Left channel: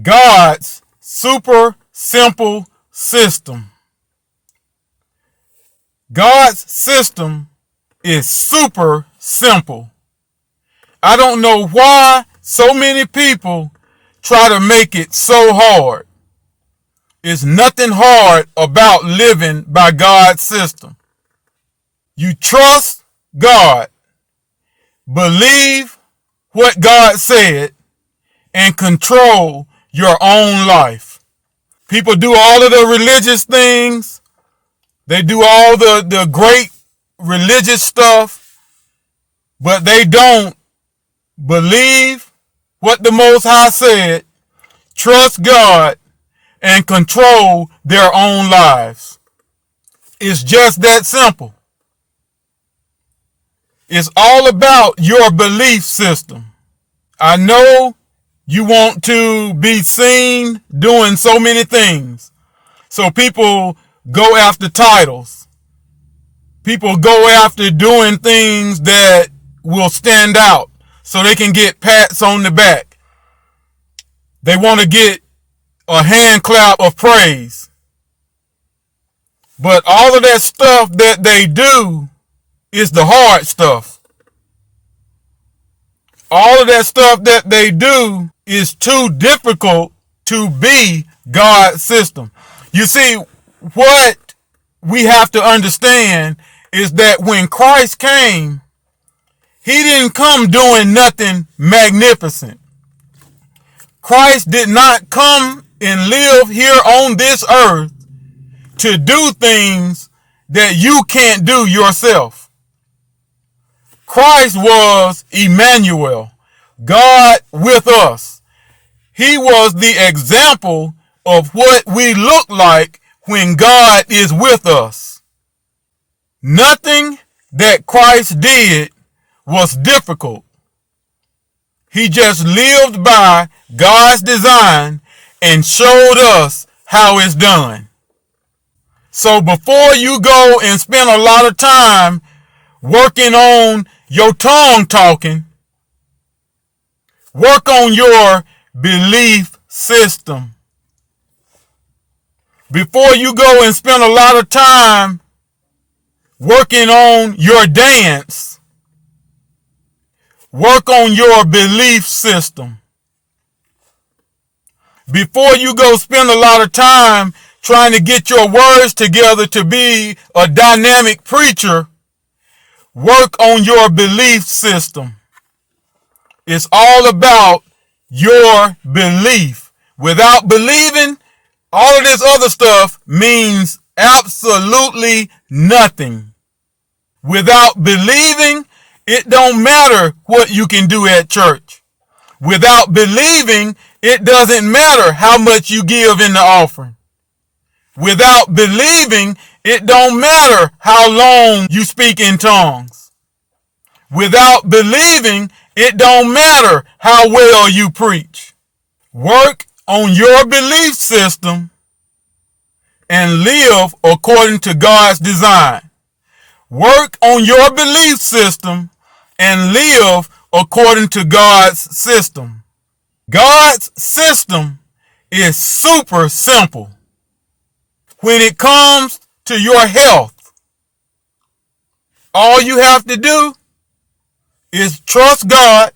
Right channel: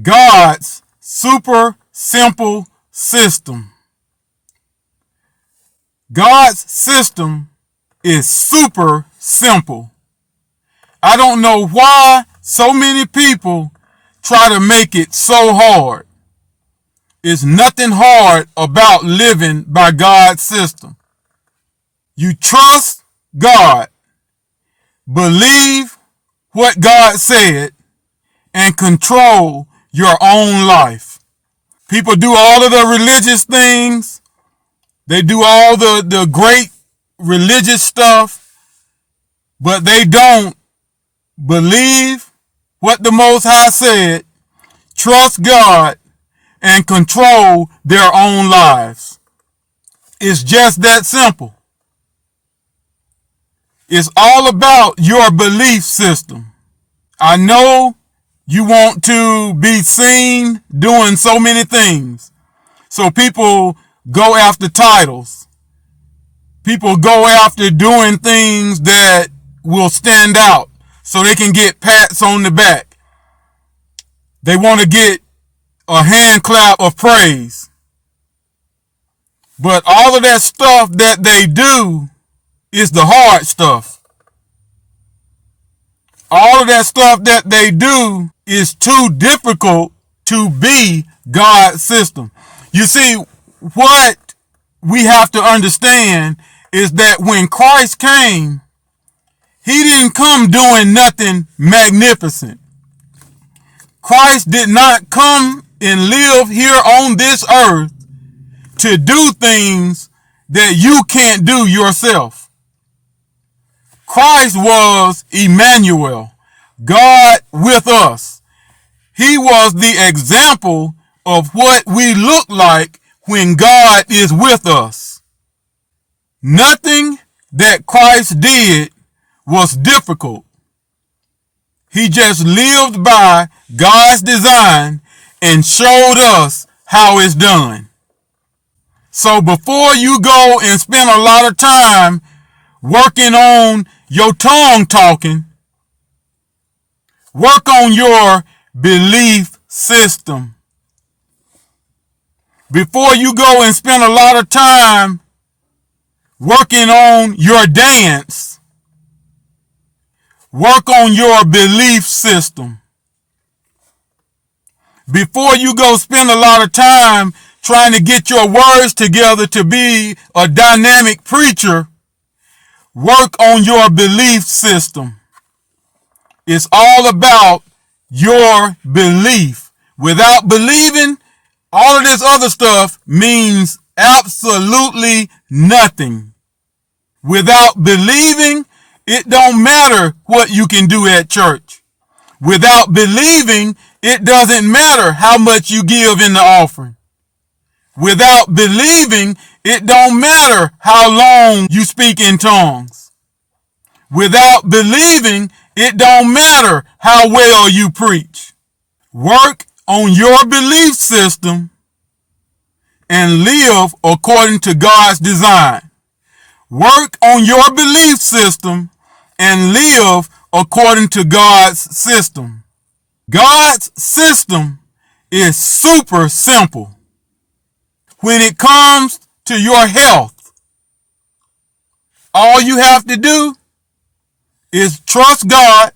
God's super simple system. God's system is super simple. I don't know why so many people try to make it so hard. There's nothing hard about living by God's system. You trust God, believe what God said, and control your own life. People do all of the religious things. They do all the great religious stuff, but they don't believe what the Most High said, trust God, and control their own lives. It's just that simple. It's all about your belief system. I know you want to be seen doing so many things. So people go after titles. People go after doing things that will stand out so they can get pats on the back. They want to get a hand clap of praise. But all of that stuff that they do is the hard stuff. All of that stuff that they do is too difficult to be God's system. You see, what we have to understand is that when Christ came, he didn't come doing nothing magnificent. Christ did not come and live here on this earth to do things that you can't do yourself. Christ was Emmanuel, God with us. He was the example of what we look like when God is with us. Nothing that Christ did was difficult. He just lived by God's design and showed us how it's done. So before you go and spend a lot of time working on your tongue talking, work on your belief system. Before you go and spend a lot of time working on your dance, work on your belief system. Before you go spend a lot of time trying to get your words together to be a dynamic preacher, work on your belief system. It's all about your belief. Without believing, all of this other stuff means absolutely nothing. Without believing, it don't matter what you can do at church. Without believing, it doesn't matter how much you give in the offering. Without believing, it don't matter how long you speak in tongues. Without believing, it don't matter how well you preach. Work on your belief system and live according to God's design. Work on your belief system and live according to God's system. God's system is super simple. When it comes to your health, all you have to do is trust God,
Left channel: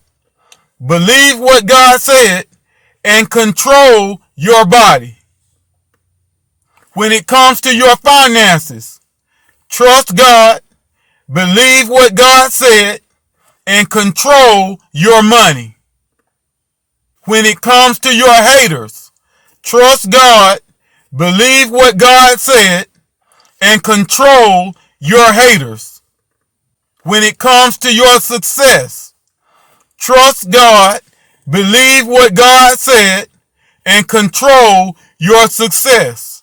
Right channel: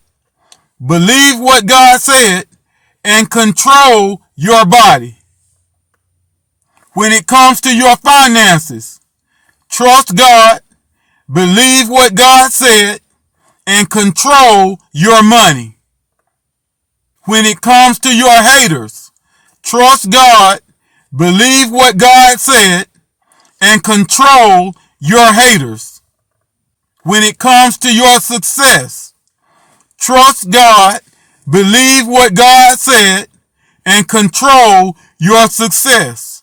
believe what God said, and control your body. When it comes to your finances, trust God, believe what God said, and control your money. When it comes to your haters, trust God, believe what God said, and control your haters. When it comes to your success, trust God, believe what God said, and control your success.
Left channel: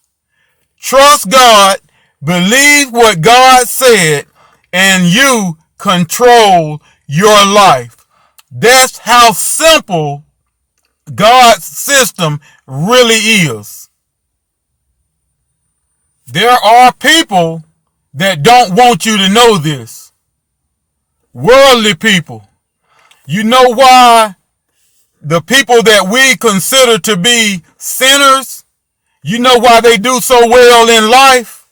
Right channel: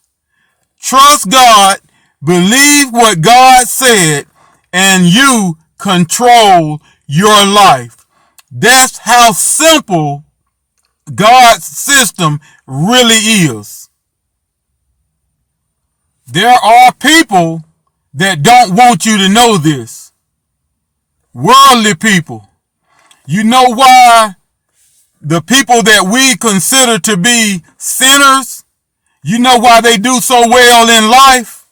Trust God, believe what God said, and you control your life. That's how simple God's system really is. There are people that don't want you to know this. Worldly people. You know why The people that we consider to be sinners, you know why they do so well in life?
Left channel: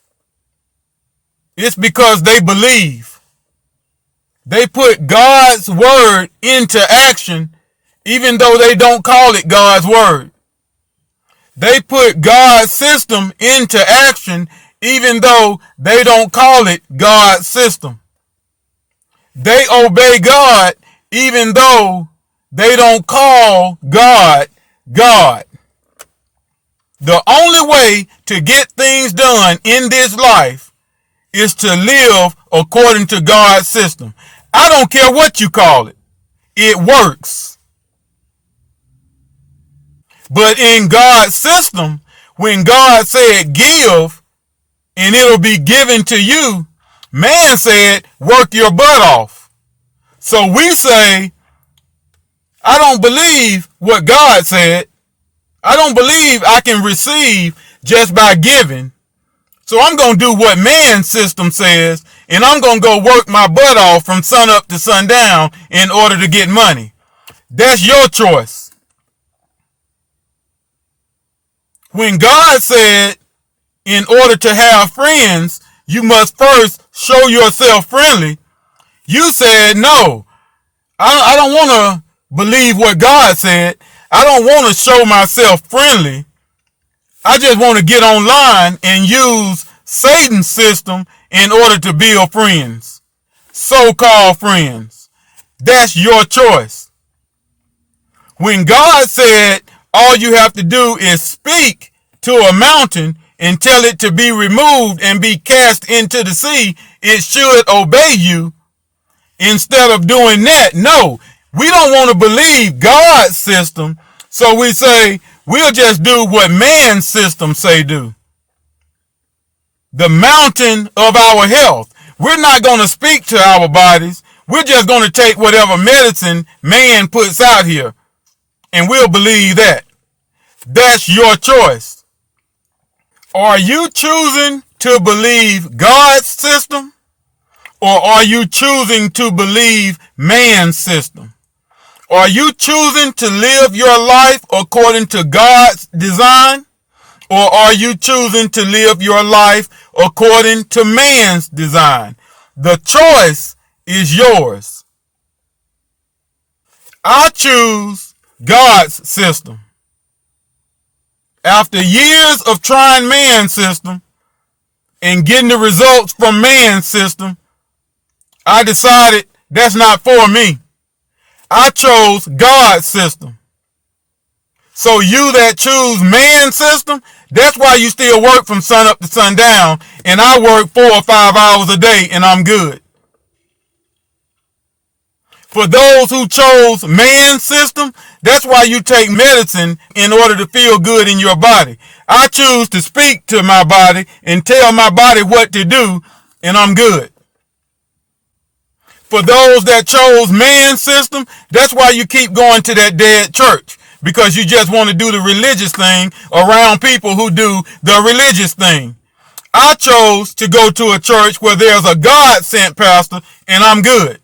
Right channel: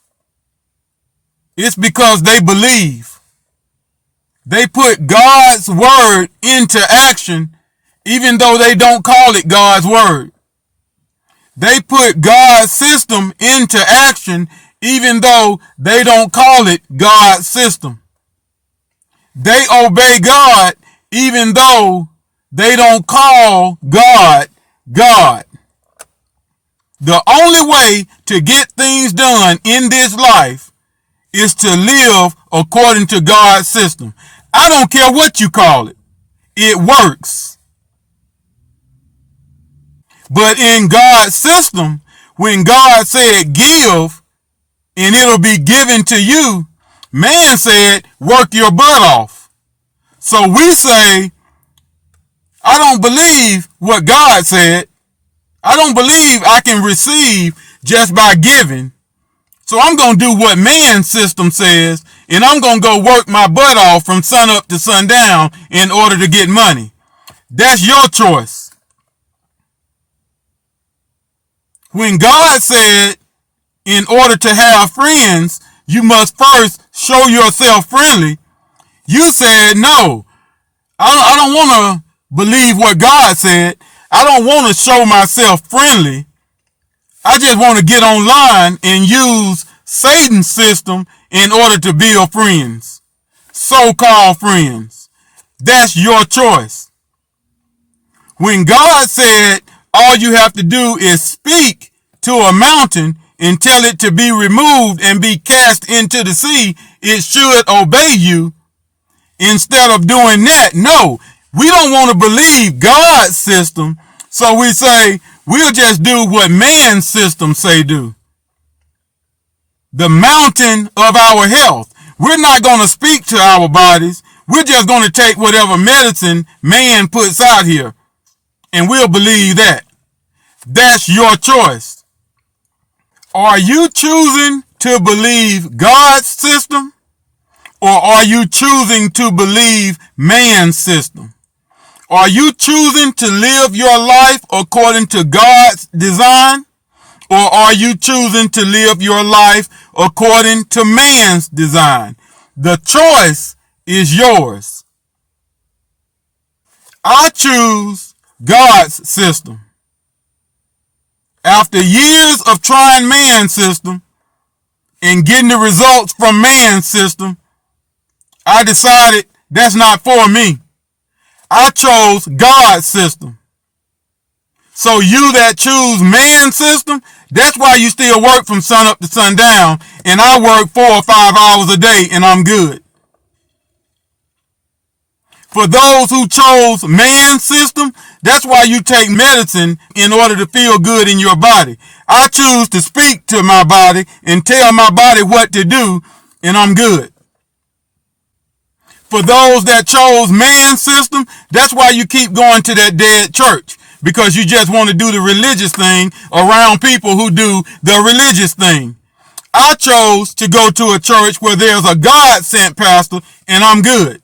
It's because they believe. They put God's word into action, even though they don't call it God's word. They put God's system into action, even though they don't call it God's system. They obey God, even though they don't call God God. The only way to get things done in this life is to live according to God's system. I don't care what you call it. It works. But in God's system, when God said give and it'll be given to you, man said work your butt off. So we say, I don't believe what God said. I don't believe I can receive just by giving. So I'm going to do what man's system says, and I'm going to go work my butt off from sun up to sundown in order to get money. That's your choice. When God said, in order to have friends, you must first show yourself friendly, you said, no, I don't want to believe what God said. I don't want to show myself friendly. I just want to get online and use Satan's system in order to build friends. So-called friends. That's your choice. When God said all you have to do is speak to a mountain and tell it to be removed and be cast into the sea, it should obey you. Instead of doing that, no, we don't want to believe God's system, so we say we'll just do what man's system say do. The mountain of our health. We're not going to speak to our bodies. We're just going to take whatever medicine man puts out here, and we'll believe that. That's your choice. Are you choosing to believe God's system, or are you choosing to believe man's system? Are you choosing to live your life according to God's design, or are you choosing to live your life according to man's design? The choice is yours. I choose God's system. After years of trying man's system and getting the results from man's system, I decided that's not for me. I chose God's system. So you that choose man's system, that's why you still work from sun up to sundown, and I work 4 or 5 hours a day and I'm good. For those who chose man's system, that's why you take medicine in order to feel good in your body. I choose to speak to my body and tell my body what to do, and I'm good. For those that chose man's system, that's why you keep going to that dead church, because you just want to do the religious thing around people who do the religious thing. I chose to go to a church where there's a God-sent pastor, and I'm good.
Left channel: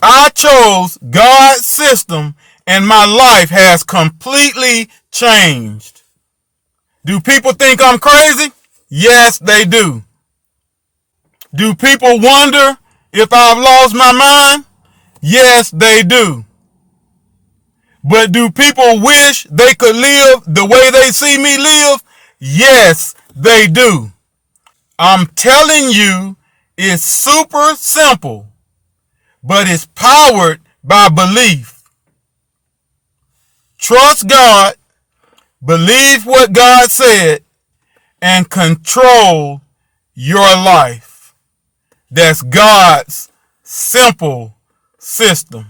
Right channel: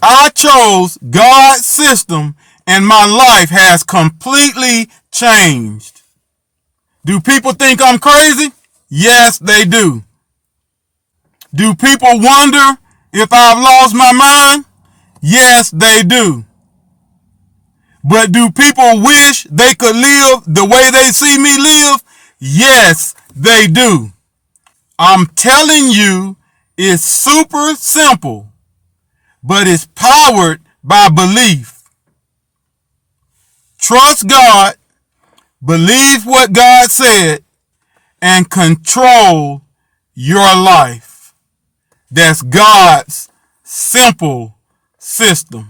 I chose God's system, and my life has completely changed. Do people think I'm crazy? Yes, they do. Do people wonder if I've lost my mind? Yes, they do. But do people wish they could live the way they see me live? Yes, they do. I'm telling you, it's super simple, but it's powered by belief. Trust God, believe what God said, and control your life. That's God's simple system.